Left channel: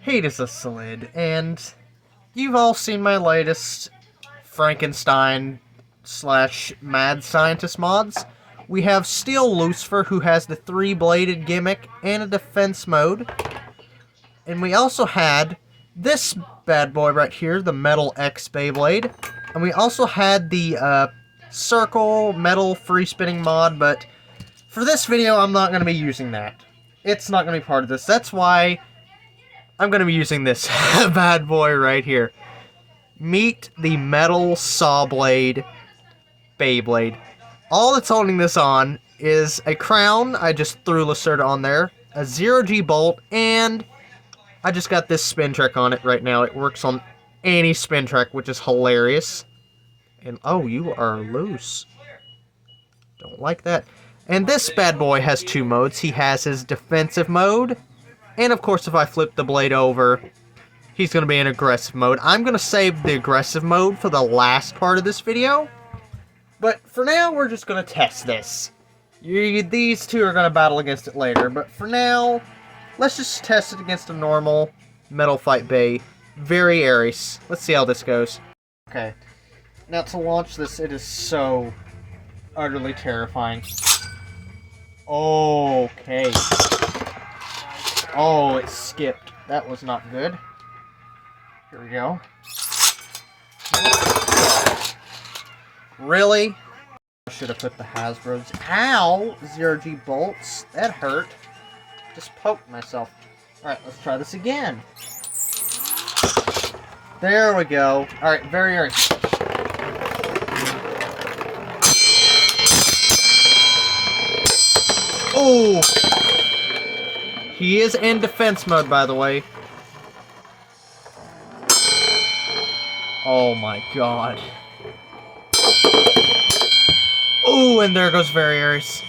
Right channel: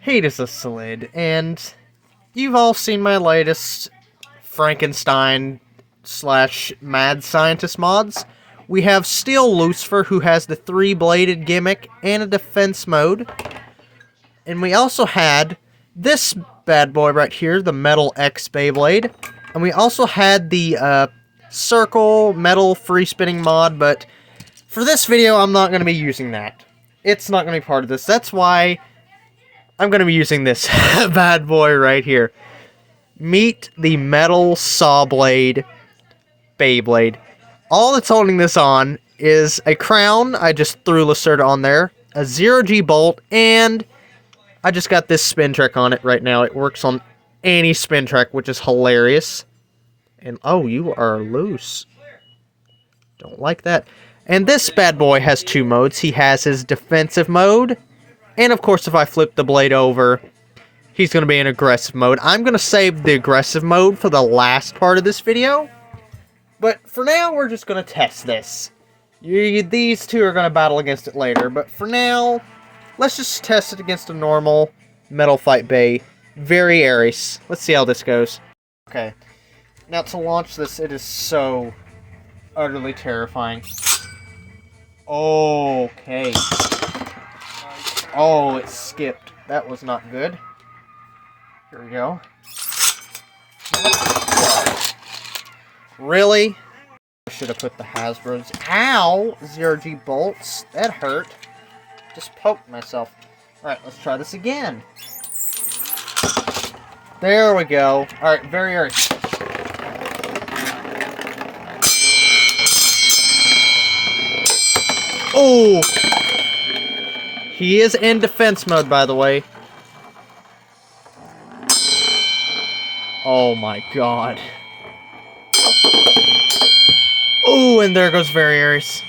Hey, this is Slid, and you've all seen my latest Frankenstein slash mad scientist mods. We have Steel Lucifer, who has the three-bladed gimmick and a defense mode. And we also had this bad boy right here, the Metal X Beyblade. And we also had the circle metal free spinning mod, but for this video, I'm not going to be using that. It's not going to be part of this. That's why I'm going to be using this bad boy right here. Meet the Metal Sawblade Beyblade. All that's holding this on is a crown. I just threw Lacerda on there, a 0G bolt, and I just got this spin track on it right now. It works on any spin track, which is hilarious. And oh, you are loose. Don't like that. And this bad boy has two modes. He has his defensive mode, and of course, if I flip the blade over, he's going to be in aggressive mode. I'm going to save the aggressive mode for the last part of this video. But for now, we're just going to test this. These two are going to battle against it later. But for now, let's just test it against a normal Metal Fight Bay. Very Aries. Let's see how this goes. Okay. Now to launch this, it is so utterly terrifying. Okay. Oh, it skipped. That was not good. Here we go. Really? I should have put the Hasbro's. Ow! 0G bolts. That hurt. Just poked myself. Alright, let's try this again. There we go. Alright, very. Oh! He is in defense mode, by the way. Oh my god. Oh, and there goes Very Aries.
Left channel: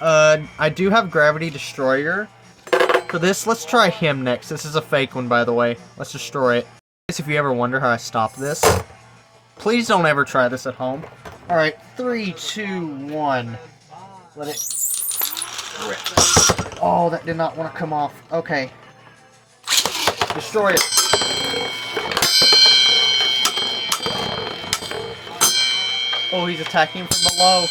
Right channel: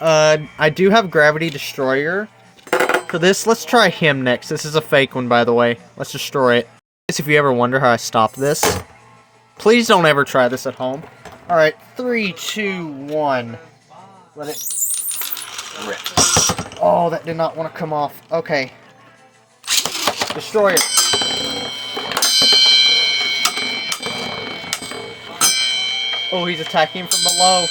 I do have Gravity Destroyer. For this, let's try him next. This is a fake one, by the way. Let's destroy it. If you ever wonder how I stopped this, please don't ever try this at home. Alright, 3, 2, 1. Let it rip. Oh, that did not want to come off. Okay. Destroy it. Oh, he's attacking from below.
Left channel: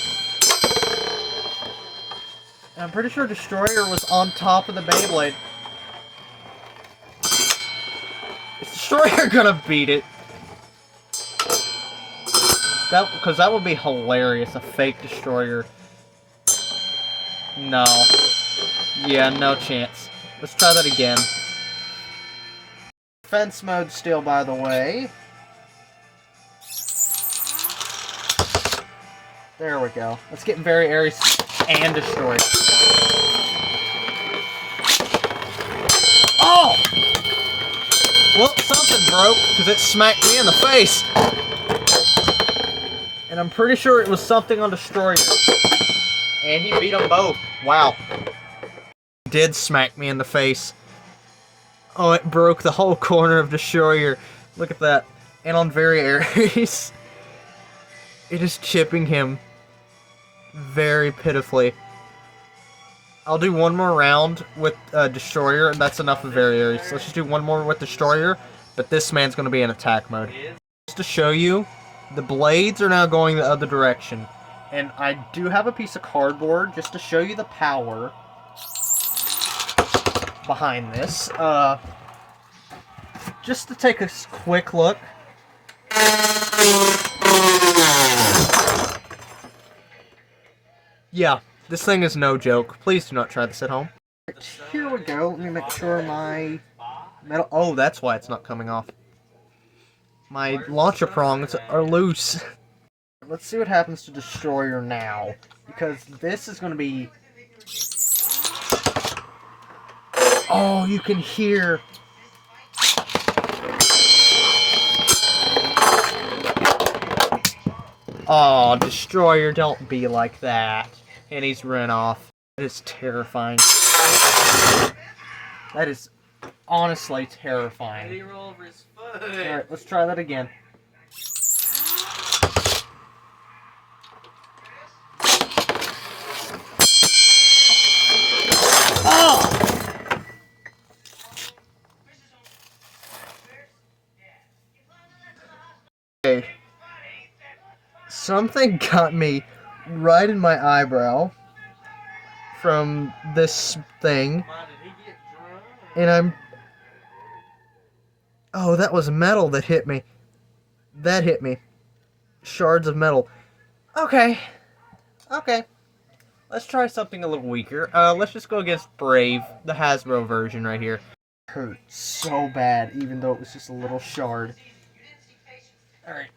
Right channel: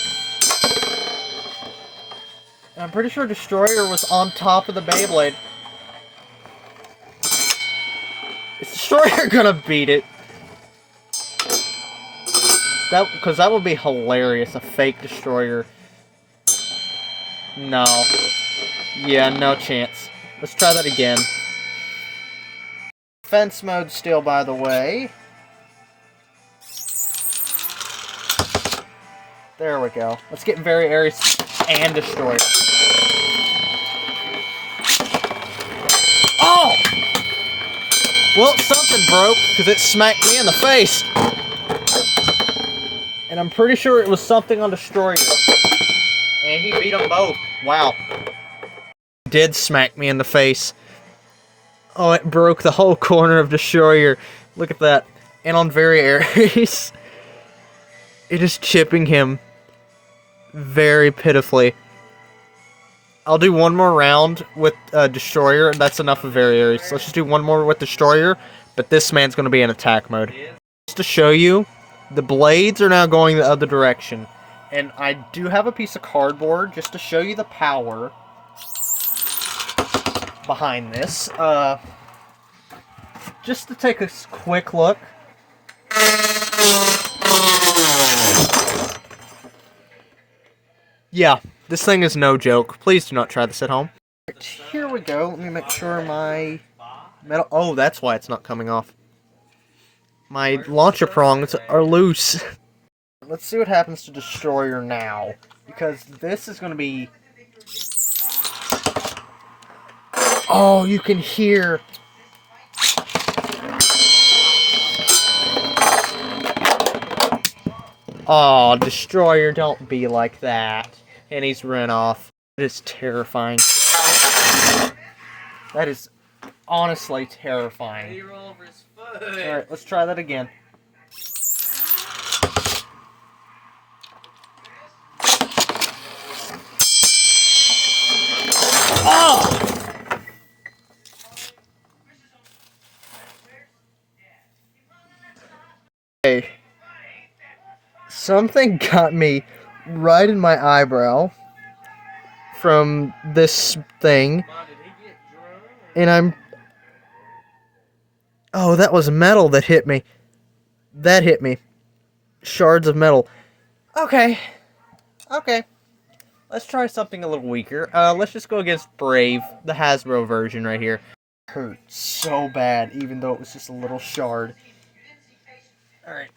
And I'm pretty sure Destroyer was on top of the Beyblade. Is Destroyer gonna beat it? Because that would be hilarious, a fake Destroyer. No. Yeah, no chance. Let's try that again. Defense mode still, by the way. There we go. Let's get Very Aries and Destroyer. Oh! Well, something broke, because it smacked me in the face. And I'm pretty sure it was something on Destroyer. And he beat them both. Wow. Did smack me in the face. Oh, it broke the whole corner of Destroyer. Look at that. And on Very Aries, it is chipping him very pitifully. I'll do one more round with Destroyer, and that's enough of Very Aries. Let's just do one more with Destroyer, but this man's going to be in attack mode. Just to show you, the blades are now going the other direction. And I do have a piece of cardboard just to show you the power behind this. Just to take a quick look. Yeah, this thing is no joke. Please do not try this at home. Here we go. Let me make sure my metal... Oh, that's why it's not coming off. My launcher prongs are loose. Let's see what happens to Destroyer now. Because this is going to be... Oh, you can hear... Oh, Destroyer, don't be like that. And he's run off. That is terrifying. That is honestly terrifying. Alright, let's try that again. Oh! Okay. Something got me right in my eyebrow from this thing. And I'm... Oh, that was metal that hit me. That hit me. Shards of metal. Okay. Okay. Let's try something a little weaker. Let's just go against Brave, the Hasbro version right here. Hurt so bad, even though it was just a little shard. Alright.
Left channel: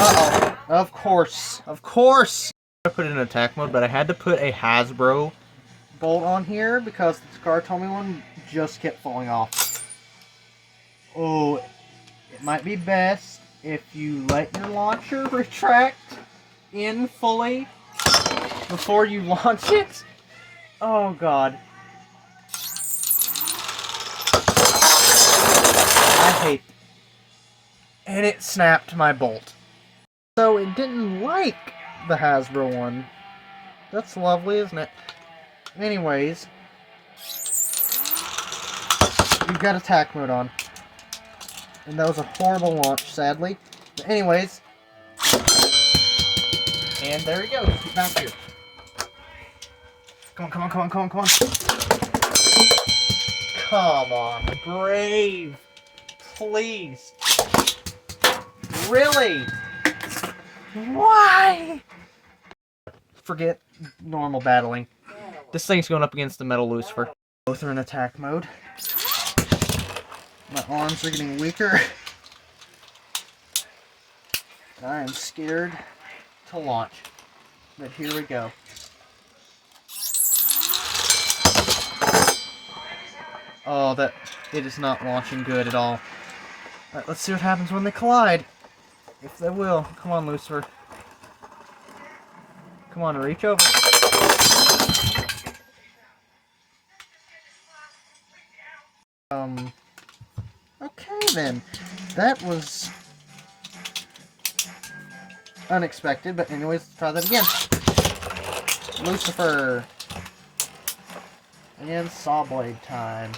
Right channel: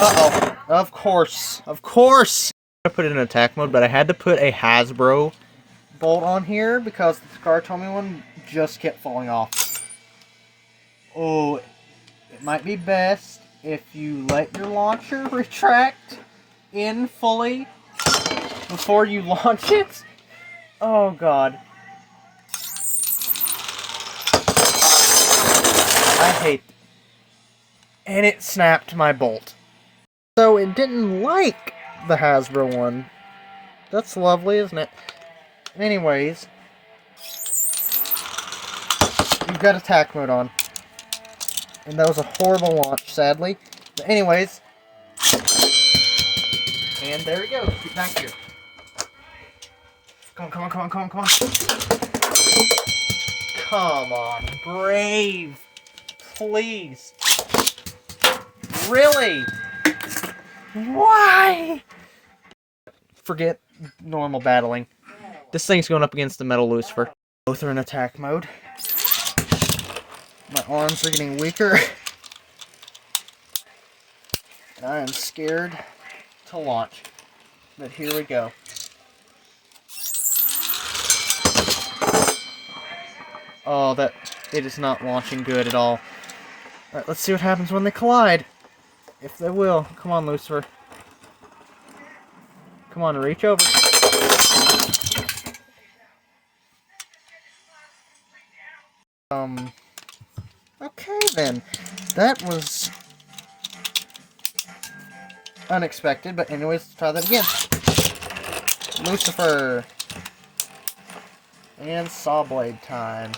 Uh-oh. Of course. Of course! I put it in attack mode, but I had to put a Hasbro bolt on here because the Scartomi one just kept falling off. Oh, it might be best if you let your launcher retract in fully before you launch it. Oh god. I hate it. And it snapped my bolt. So it didn't like the Hasbro one. That's lovely, isn't it? Anyways, you've got attack mode on. And that was a horrible launch, sadly. But anyways, and there he goes. Get back here. Come on, come on, come on, come on, come on. Come on, Brave. Please. Really? Why? Forget normal battling. This thing's going up against the Metal Lucifer. Both are in attack mode. My arms are getting weaker. I am scared to launch. But here we go. Oh, it is not launching good at all. Alright, let's see what happens when they collide. If they will. Come on, Lucifer. Come on, reach over. Okay then. That was unexpected, but anyways, let's try that again. Lucifer. And Sawblade time.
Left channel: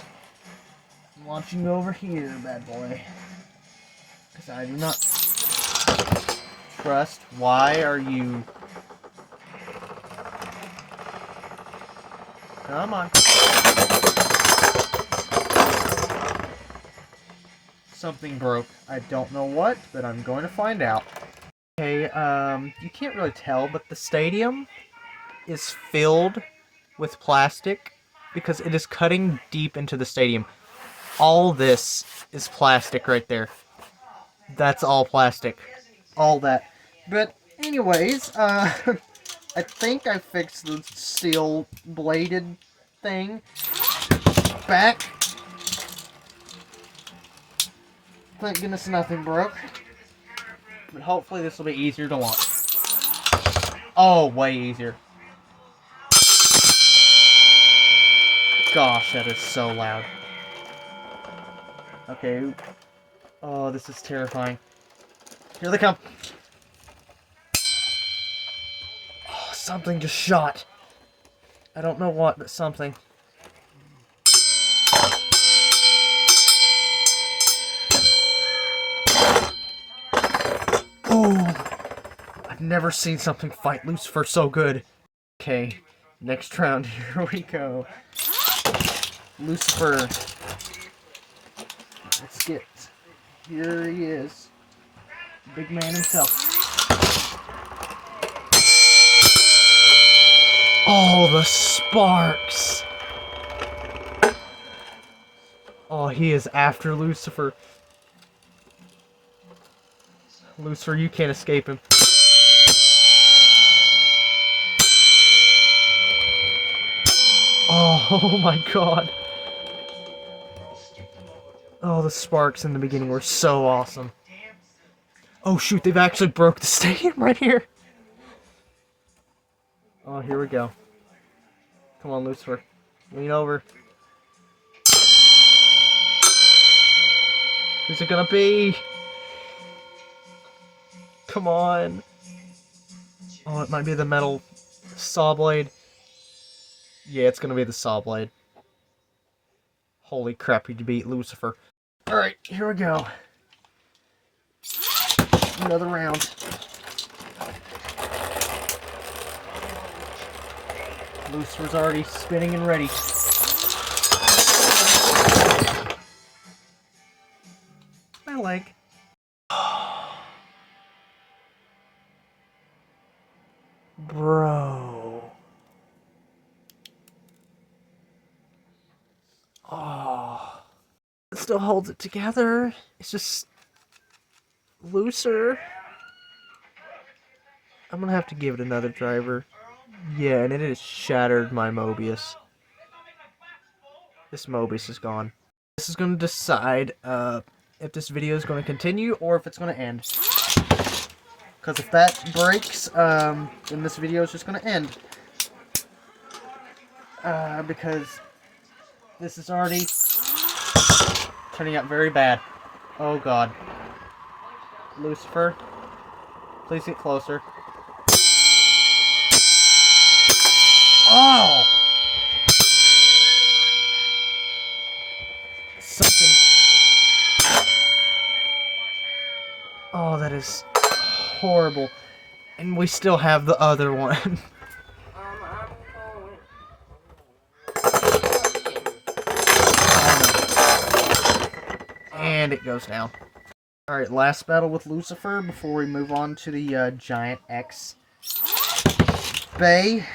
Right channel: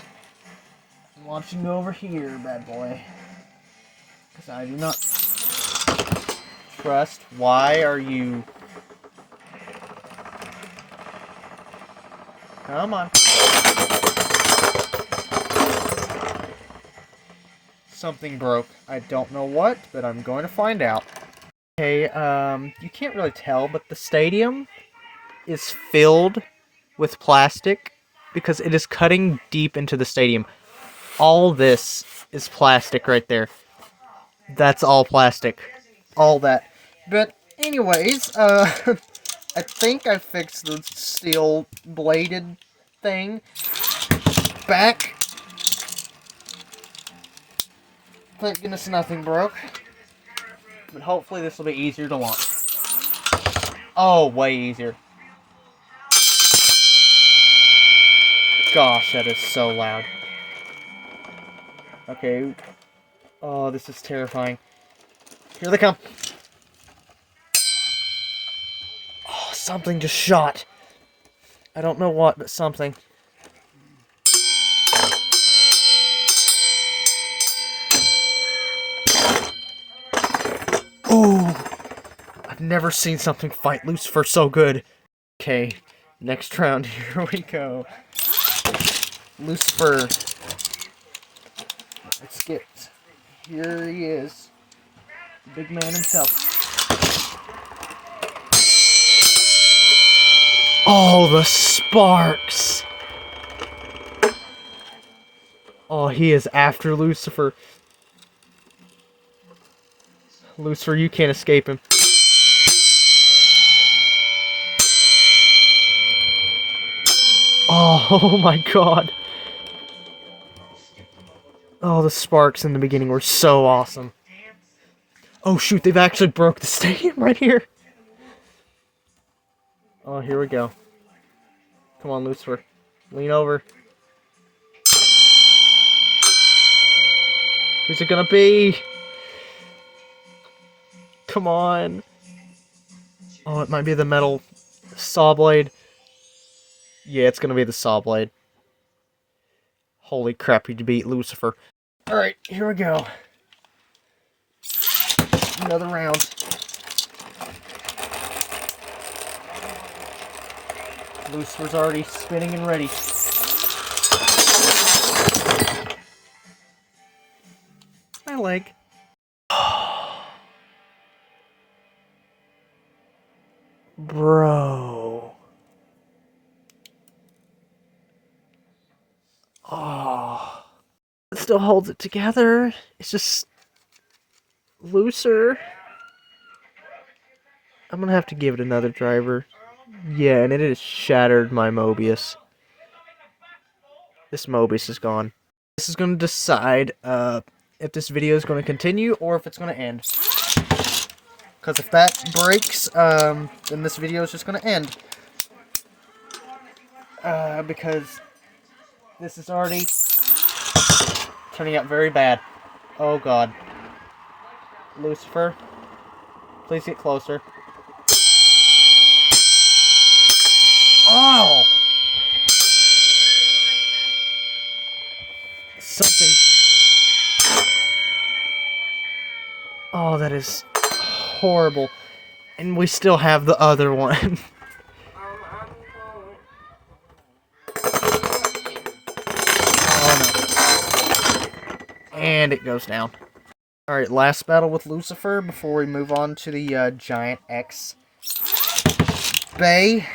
I'm launching over here, bad boy. Because I do not trust. Why are you... Come on. Something broke. I don't know what, but I'm going to find out. Okay, you can't really tell, but the stadium is filled with plastic because it is cutting deep into the stadium. All this is plastic right there. That's all plastic. All that. But anyways, I think I fixed the steel bladed thing back. Thank goodness nothing broke. But hopefully this will be easier to launch. Oh, way easier. Gosh, that is so loud. Okay. Oh, this is terrifying. Here they come. Oh, something just shot. I don't know what, but something. Ooh. I've never seen something fight Lucifer so good. Okay, next round, here we go. Lucifer. Let's get... Here he is. Big man himself. Oh, the sparks! Oh, he is after Lucifer. Lucifer, you can't escape him. Oh my god. Oh, the sparks in the beginning were so awesome. Oh shoot, they've actually broke the stadium right here. Oh, here we go. Come on, Lucifer. Lean over. Who's it gonna be? Come on. Oh, it might be the metal Sawblade. Yeah, it's gonna be the Sawblade. Holy crap, you beat Lucifer. Alright, here we go. Another round. Lucifer's already spinning and ready. My leg. Bro. Oh. It still holds it together. It's just looser. I'm gonna have to give it another driver. Yeah, and it has shattered my Mobius. This Mobius is gone. This is gonna decide if this video is gonna continue or if it's gonna end. Because if that breaks, then this video is just gonna end. Because this is already turning out very bad. Oh god. Lucifer, please get closer. Oh! Something. Oh, that is horrible. And we still have the other one. And it goes down. Alright, last battle with Lucifer before we move on to the Giant X Bay.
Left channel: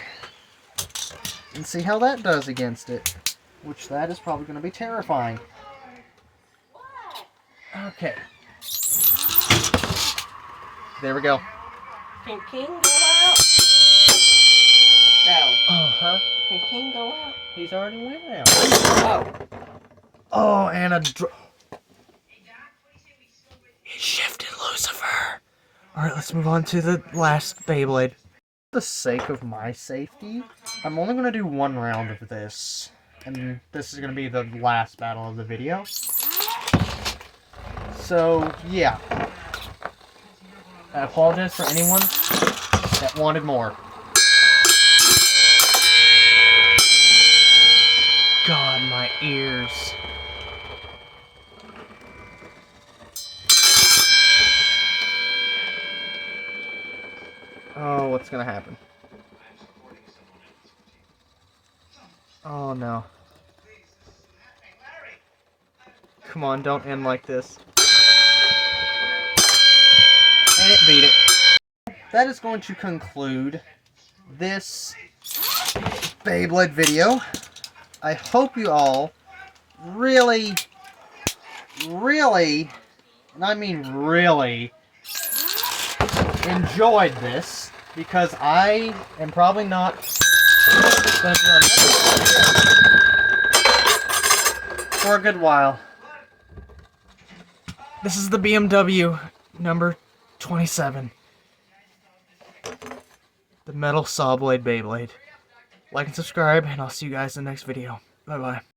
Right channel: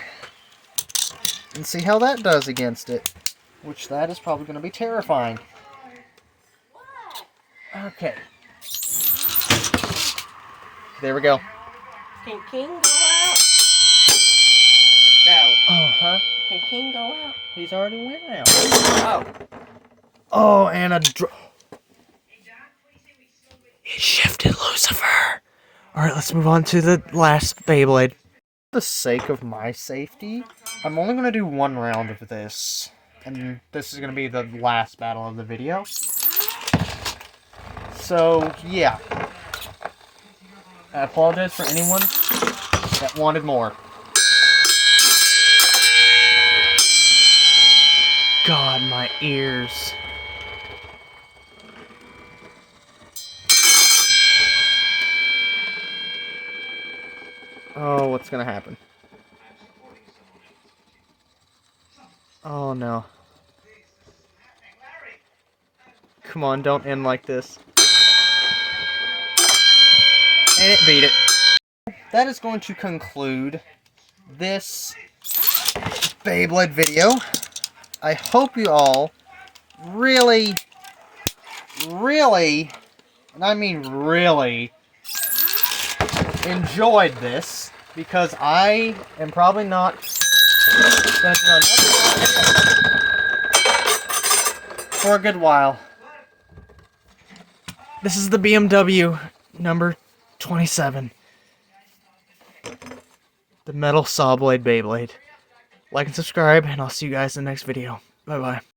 And see how that does against it. Which that is probably going to be terrifying. Okay. There we go. Can King go out? No. Oh, huh? Can King go out? He's already went now. Oh. Oh, and it shifted Lucifer. Alright, let's move on to the last Beyblade. For the sake of my safety, I'm only going to do one round of this. And this is going to be the last battle of the video. So, yeah. I apologize for anyone that wanted more. God, my ears. Oh, what's gonna happen? Oh no. Come on, don't end like this. And it beat it. That is going to conclude this Beyblade video. I hope you all really, and I mean really, enjoyed this, because I am probably not going to do another for a good while. This is the BMW number 27. The metal Sawblade Beyblade. Like and subscribe, and I'll see you guys in the next video. Bye-bye.